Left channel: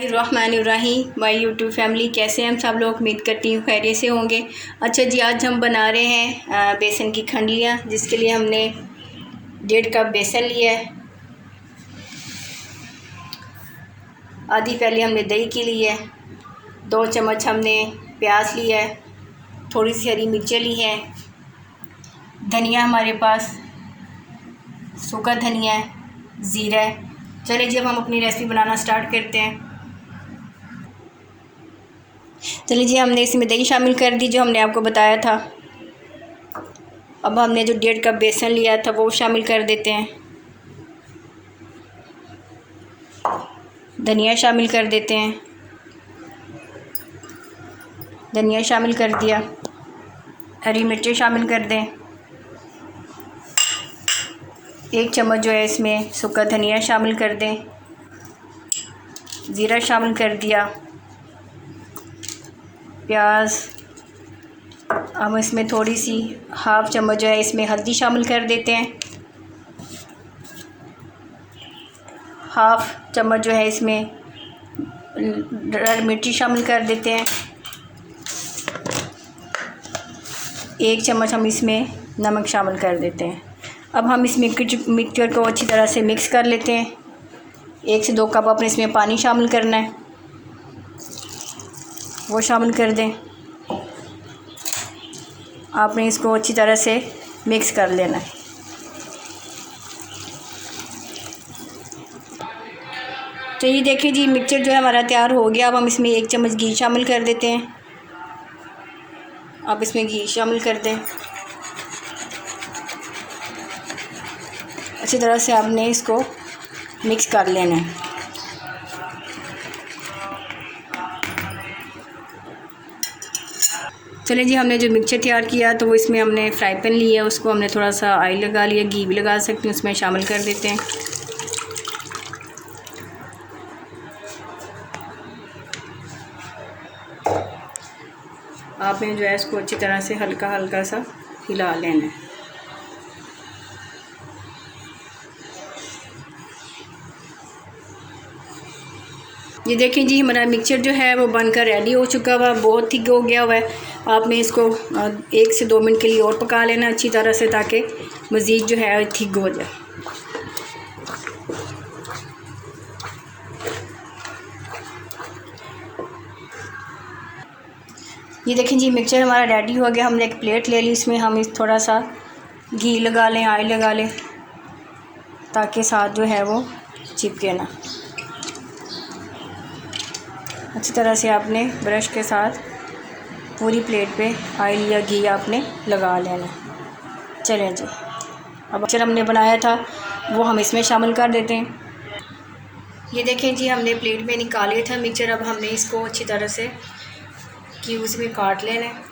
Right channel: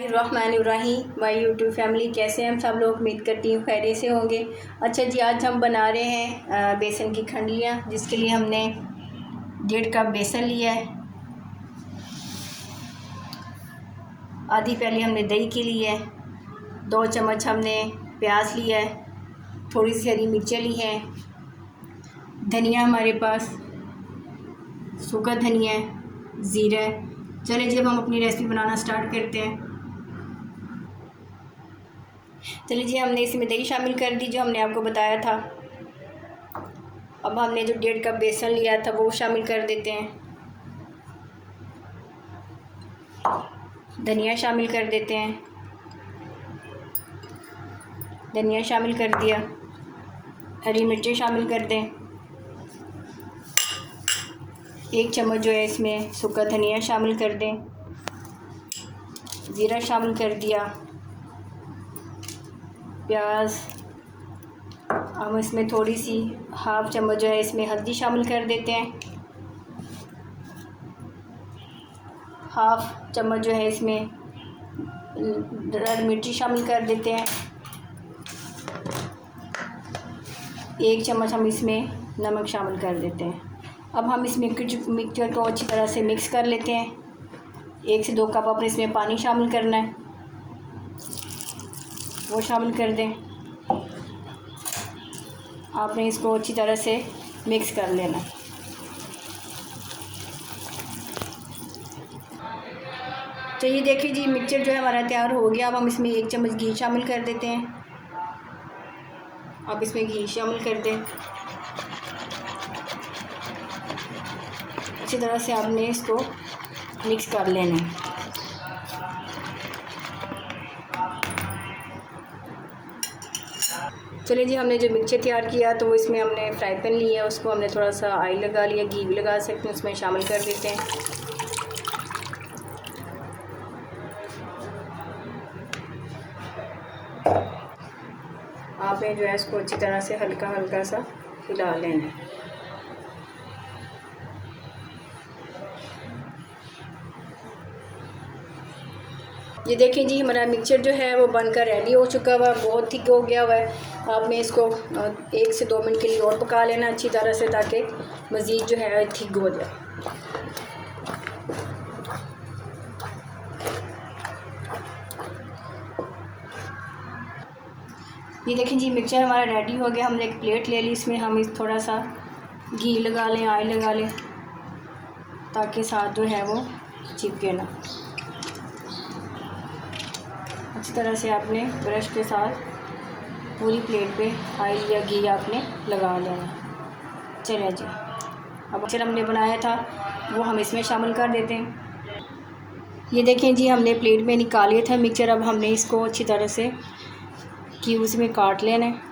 रहमानिर्रहीम my YouTube family, कैसे हैं हम सब लोग। उम्मीद करती हूँ खैरियत से होंगे। अच्छा जी, आज हम बना रहे हैं बेसन की खंडलियाँ, जिसके लिए हमने 1.5 कप बेसन लिया है। आधी पहले हमने दही की ली है। 2 चम्मच हमने प्याज लिया है। थोड़ी सी हरी मिर्चें ली हैं। धनिया हमारे पास सूखा धनिया है, ज़ीरा है। चलिए जी, अब हम अपनी रेसिपी बनाना स्टार्ट करते हैं। चलिए जी, हमने इसमें दही शामिल कर दी जो हमने आपको बताया था। अब हमने जो 1.5 कप बेसन लिया था वो शामिल कर देते हैं। धनिया शामिल कर देते हैं। धनिया शामिल कर दिया। हरी मिर्चें शामिल कर दें। 1 चम्मच जो है इसमें सूखा धनिया शामिल कर दें। ज़ीरा शामिल कर दिया। प्याज। अब इसमें थोड़ी सी 1/2 चम्मच जो है इसमें हल्दी शामिल कर देते हैं। 1/2 चम्मच जो है इसमें मिर्ची शामिल कर देते हैं। 1 चम्मच हम इसमें नमक शामिल कर देते हैं। अब हम इस मिक्सचर को अच्छी तरह से मिक्स कर लेते हैं। 1 से 2 कप अपने इसमें पानी शामिल करना है, वो शामिल कर दें। आपने इसको अच्छी तरह से मिक्स कर लेना है। तो ये देखिए जी, मिक्सचर जो है हमारा तैयार हो गया। अब हम इसमें 1 चम्मच घी शामिल कर देते हैं। आप इसमें घी शामिल कर दें। अच्छी तरह से आपने इसको मिक्स कर लेना है। चलिए जी, हमने जो मिक्सचर तैयार किया तो वो इसमें हमने फ्राई पैन लिया, उसको हमने थोड़ा सा ऑयल लगा लिया, घी भी लगा सकते हैं, उसमें शामिल कर देते हैं। आपने जो है इसको अच्छी तरह से हल्का हल्का सा हिला लेना है। ये देखें जी, हमारा मिक्सचर जो है वो बनकर रेडी हो चुका हुआ, बहुत थिक हो गया हुआ है। आपने इसको 1 से 2 मिनट के लिए और पका लेना अच्छी तरह से, ताकि मज़ीद जो है थिक हो जाए। ये देखें जी, मिक्सचर हमारा रेडी हो गया। हमने एक प्लेट ले ली, इसमें हम थोड़ा सा घी लगा लें, ऑयल लगा लें, ताकि साथ जो है वो चिपके ना। अच्छी तरह से आपने ब्रश के साथ पूरी प्लेट पे ऑयल या घी आपने लगा लेना। चलें जी, अब मिक्सचर हमने बनाया था वो हम इसमें शामिल कर देते हैं। ये देखें जी, हमने प्लेट में निकाले था मिक्सचर। अब हमने इसको अच्छी तरह से क्यूब्स में काट लेना है।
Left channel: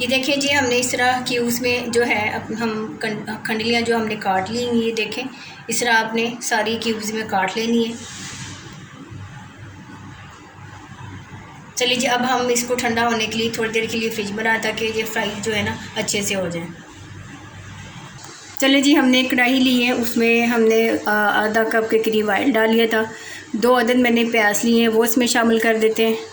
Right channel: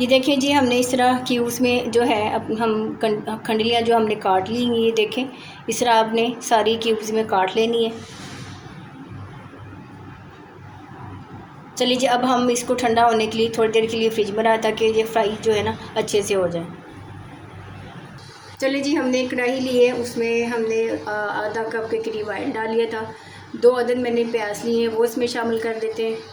ये देखिए जी, हमने इस तरह क्यूब्स में जो है हम खंडलियाँ जो हमने काट ली, ये देखें इस तरह आपने सारी क्यूब्स में काट लेनी है। चलिए जी, अब हम इसको ठंडा होने के लिए थोड़ी देर के लिए फ्रिज में रहा, ताकि ये फ्राई जो है ना अच्छे से हो जाए। चलिए जी, हमने एक कढ़ाई ली है, उसमें हमने आधा कप के करीब ऑयल डाल लिया था। 2 अदद मैंने प्याज लिए हैं, वो इसमें शामिल कर देते हैं।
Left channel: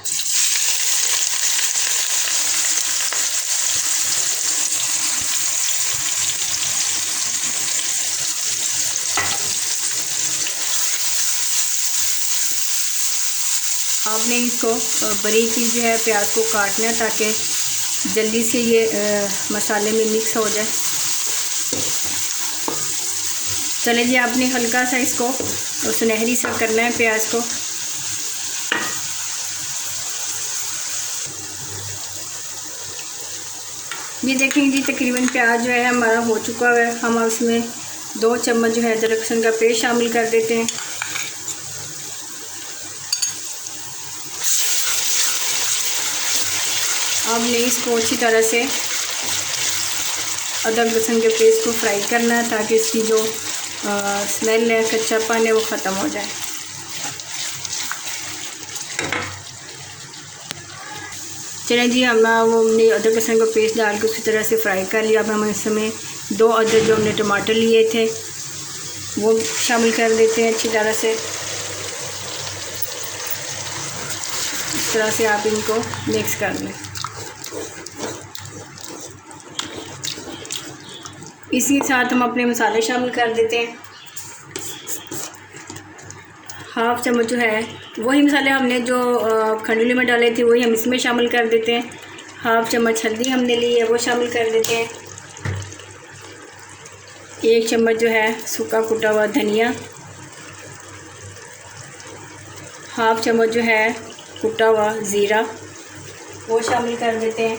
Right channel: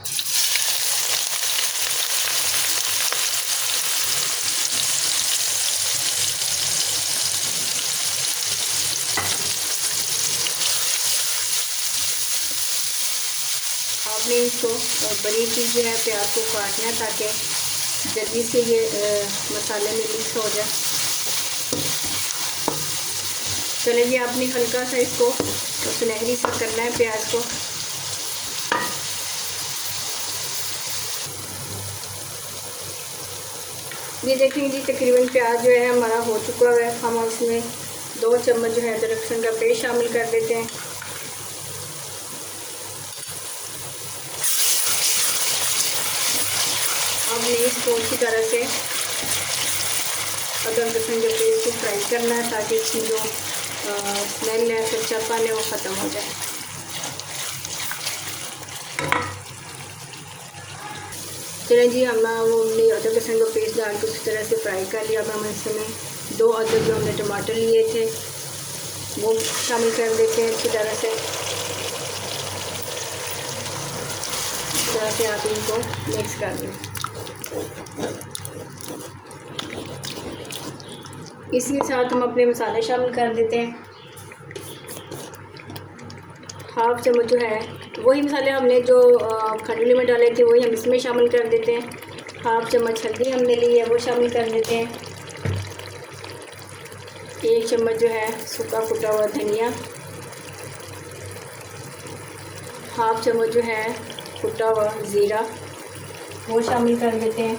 आपने इसको बारीक चीज़ जो है प्याज को काटना है, ताकि जल्दी से ये मसाले में मिक्स हो जाए। चलिए जी, आपने हल्का सा इसको सुनहरी सा करना है प्याज को। ये देखें जी, तकरीबन प्याज जो है हमारा हो चुका है। हम इसमें 2 चम्मच जो है अदरक लहसुन का पेस्ट शामिल कर देते हैं। आपने इसको अच्छी तरह से अदरक लहसुन के पेस्ट को फ्राई करना है ताकि इसकी जो स्मेल है, कच्चापन है, वो ख़त्म हो जाए। चलें जी, हमने अदरक लहसुन का पेस्ट डाल के उसी तरह से फ्राई कर लिया। अब हम इसमें 2 अदरक जो हमने टमाटर लिए थे वो शामिल कर देते हैं अच्छी तरह से। इस तरह से आप इनको मिक्स कर लें। इसी के साथ हम अपने मसाले शामिल कर देते हैं। हाफ़ चम्मच जो है वही मसाले हमने जो खंडुली में डाले थे वही हम इसमें शामिल कर देते हैं। हाफ़ चम्मच हल्दी हमने ली है वो शामिल कर देते हैं। 1 चम्मच जो है सूखा कुटा हुआ धनिया, हाफ़ चम्मच जो है कुटा हुआ ज़ीरा वो शामिल कर देते हैं।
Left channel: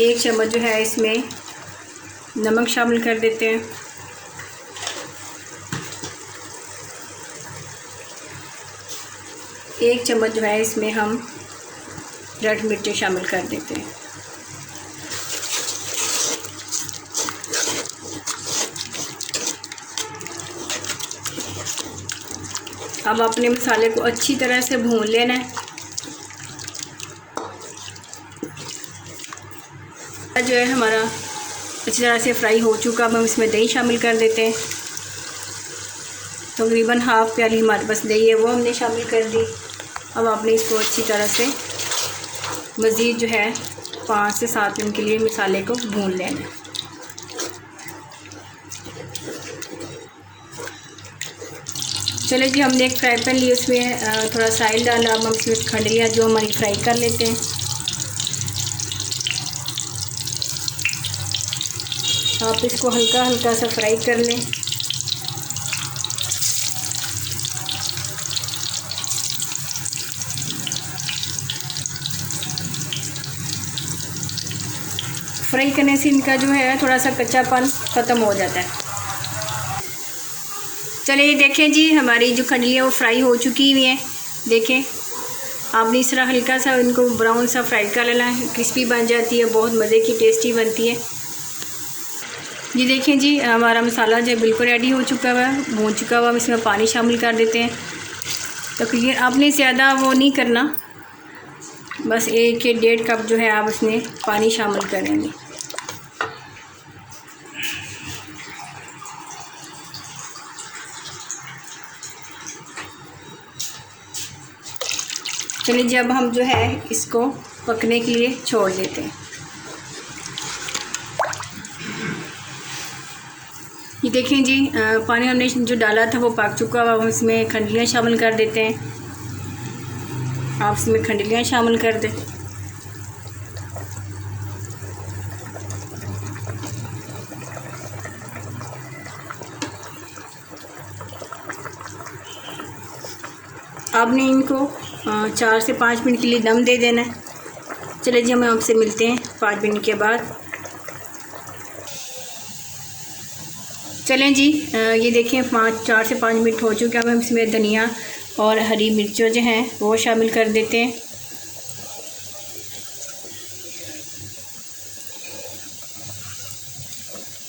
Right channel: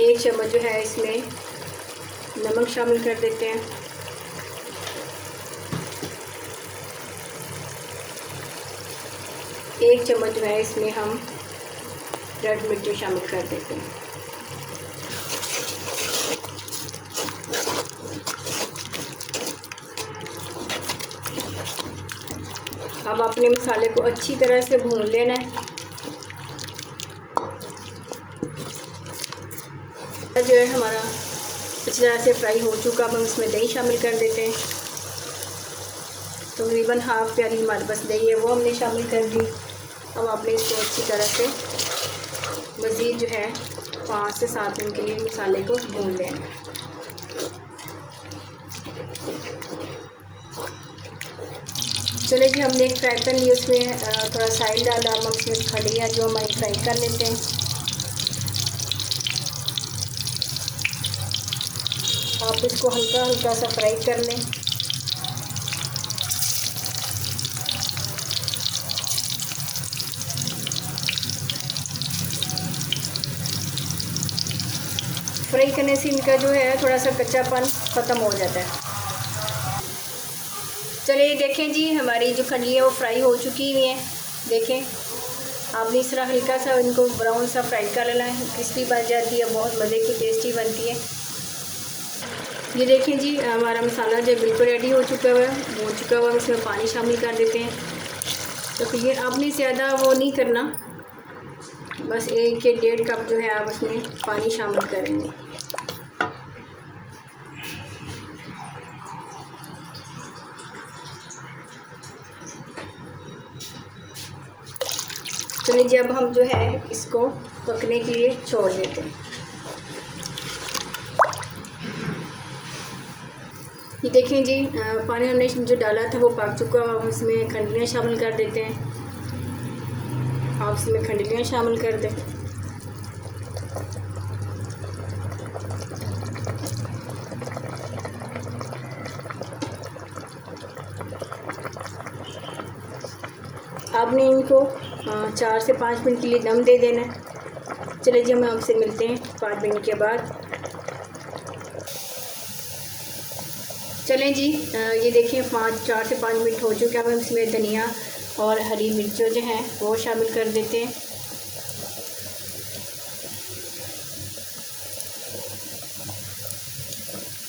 1 चम्मच जो है इसमें नमक शामिल कर देते हैं। 1 चम्मच जो है इसमें हम रेड मिर्ची शामिल कर देते हैं। अब अपने मसाले को अच्छी तरह से भून लेना है। जो है हमारा अच्छी तरह से फ्राई हो चुका। अब हम इसमें दही शामिल कर देते हैं। तकरीबन हाफ़ प्याली हमारे पास दही है वो हमने शामिल कर दी। अब आपने इसको अच्छी तरह से मज़ीद जो है 5 से 7 मिनट के लिए मसाले को भून लेना है। चले जी, हमने एक फ्राई पैन लिया, उसमें थोड़ा सा ऑयल डाला। अब हम इसमें खंडलियाँ जो हमारी फ्राई कर लेते हैं। आप इसको हल्का हल्का सा फ्राई कर लें। फ्राई करने से इनका जो है थोड़ा सा कच्चापन ख़त्म हो जाता है। चलिए देखें जी, हमारी जो खंडलियाँ वो फ्राई हो चुकी हुई हैं। देखें, आपने इस तरह हल्का सा इनको ब्राउन सा फ्राई कर लेना है, क्रिस्पी बन जाती है, बहुत मज़े की टेस्टी बनती है। ये देखें जी, हमारा मसाला जो बिल्कुल रेडी हो चुका हुआ है, भून चुका हुआ। हम इसमें पानी शामिल कर देते हैं। तो ये आपने ज़्यादा वो नहीं करना, बस 1 या 1.5 कप जो है आप इसमें पानी शामिल करेंगे। चलिए जी, अब हम जो है इसको पकने के लिए छोड़ देते हैं। ये देखें जी, पानी हमने जो डाला था वो पक चुका। अब हम इसमें खंडलियाँ शामिल कर देते हैं। आप इसमें खंडलियाँ शामिल कर दें। आपने इनको 4 से 5 मिनट के लिए दम दे देना है। चलिए जी, हम आपसे मिलते हैं 5 मिनट के बाद। चलें जी, ये देखें 4 से 5 मिनट हो चुके हैं। अब हम इसमें धनिया और हरी मिर्चों जो हैं वो शामिल कर देते हैं।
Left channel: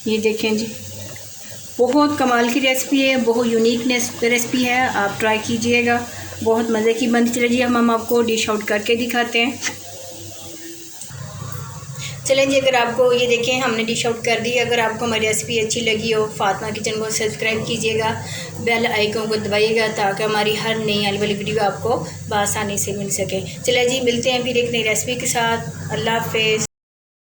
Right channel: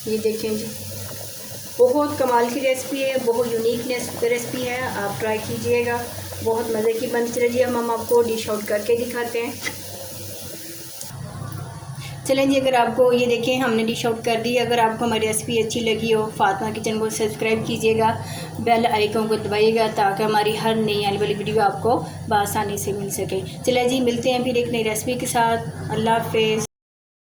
ये देखें जी, बहुत कमाल की रेसिपी है, बहुत यूनिक रेसिपी है। आप ट्राई कीजिएगा, बहुत मज़े की बनती। चलिए जी, हम आपको डिश आउट करके दिखाते हैं। चलें जी, अगर आपको ये देखें हमने डिश आउट कर दी। अगर आपको हमारी रेसिपी अच्छी लगी हो, फातिमा किचन को सब्सक्राइब कीजिएगा, बेल आइकन को दबाइएगा ताकि हमारी हर नई आने वाली वीडियो आपको बआसानी से मिल सके। चलिए जी, मिलते हैं फिर एक नई रेसिपी के साथ। अल्लाह हाफ़िज़।